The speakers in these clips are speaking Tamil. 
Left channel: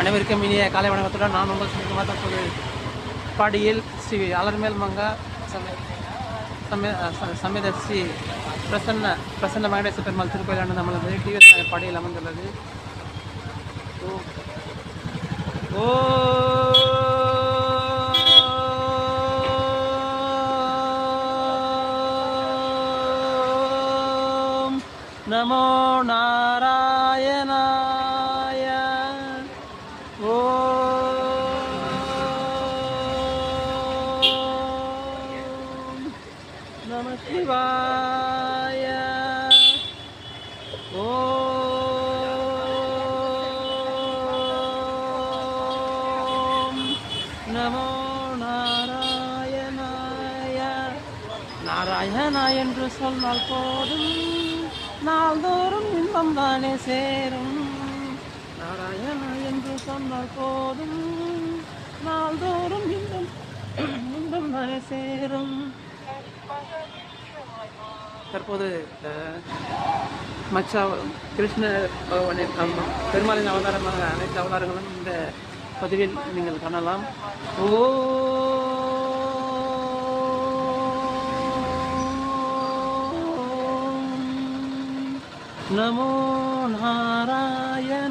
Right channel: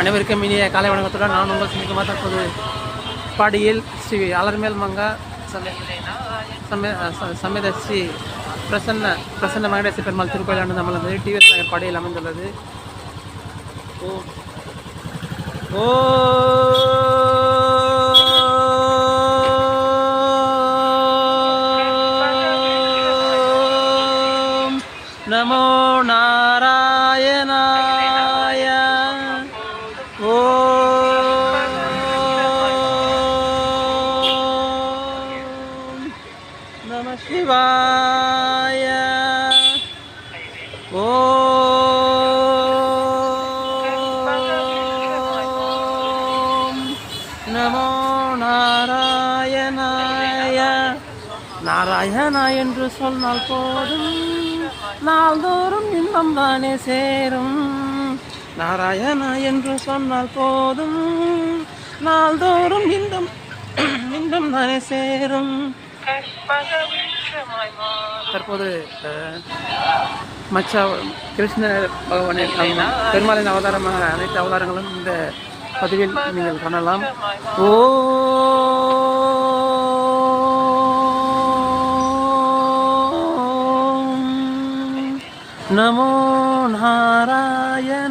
அனைவருக்கும் இனிய காலை வணக்கத்துடன் நான் உங்கள் சுமிக்குமார். தற்போது பாடியில் ஸ்ரீ அலர்மேல் மங்கா சமேத ஸ்ரீ பிரசன்ன வெங்கடேச பெருமாள் திருக்கோயிலானது நம்மளது டிவிஎஸ் நகர் பாடியில் அமைந்துள்ளது. ஓ நமோ நாராயணாய. ஓம் நம சிவாய. ஓம் நமோ நாராயணாய. நாராயணா என்று சொன்னால் போதும், நாள்தோறும் இன்பம் தானே சேரும். நாராயணா என்று சொன்னால் போதும், நாள்தோறும் இன்பம் தானே சேரும். தற்போது கிருஷ்ண பகவானின் பெருமாளின் அவதாரமான அனைத்து அவதாரங்களும் இந்த பதிவில் நீங்கள் காணலாம். நமோ நாராயணாய.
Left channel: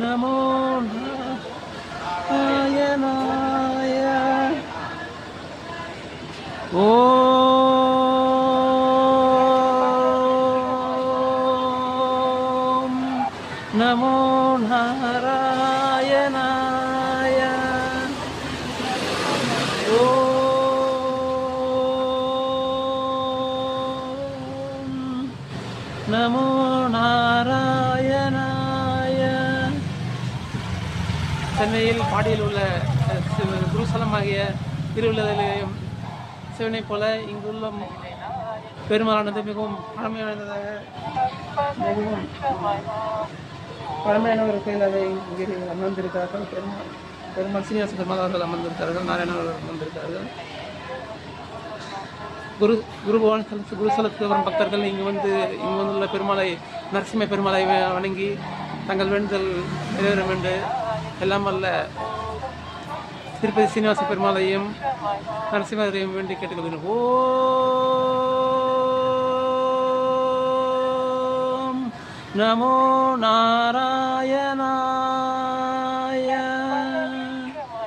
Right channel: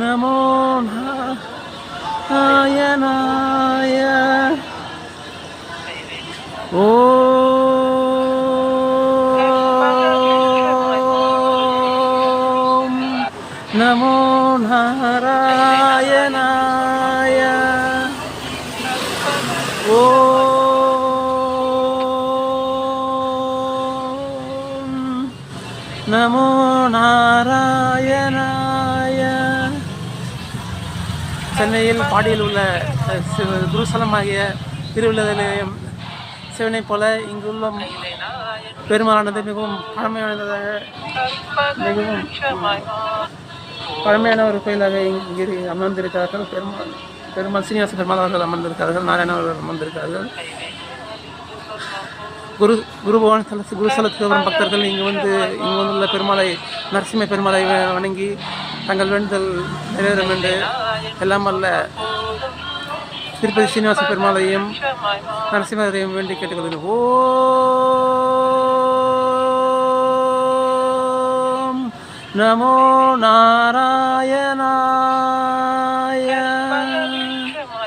நமோ நாராயணாய. நமோ நாராயணாய. நமோ நாராயணாய. சென்னையில் பாடியில் உள்ள குருசலமாகிய திருவிழாவிலேயும் சிவனைப் போல இங்குள்ள பெருமாளானது மிகவும் பழமையான ஒரு கோயிலாக இங்கே அமர்ந்திருக்கிறார்கள். பெருமாள் சீனிவாச பெருமாள் அவர்கள் அமர்ந்திருக்கிறார்கள். நாராயண அவர்கள் அமர்ந்திருக்கிறார்கள். குருசலத்துக்கு வரும் பக்தர்கள் இங்கு வந்துள்ள பெருமாளை, நரசிம்ம பெருமாளை வணங்கி தங்கள் வேண்டுதல் நிறைவேறும் என்று எல்லாம் வல்ல திருப்பதி சீனிவாச பெருமாளையும் நரசிம்மரையும் வேண்டி கேட்டுக்கொள்கிறோம். ஓம் நமோ நாராயண.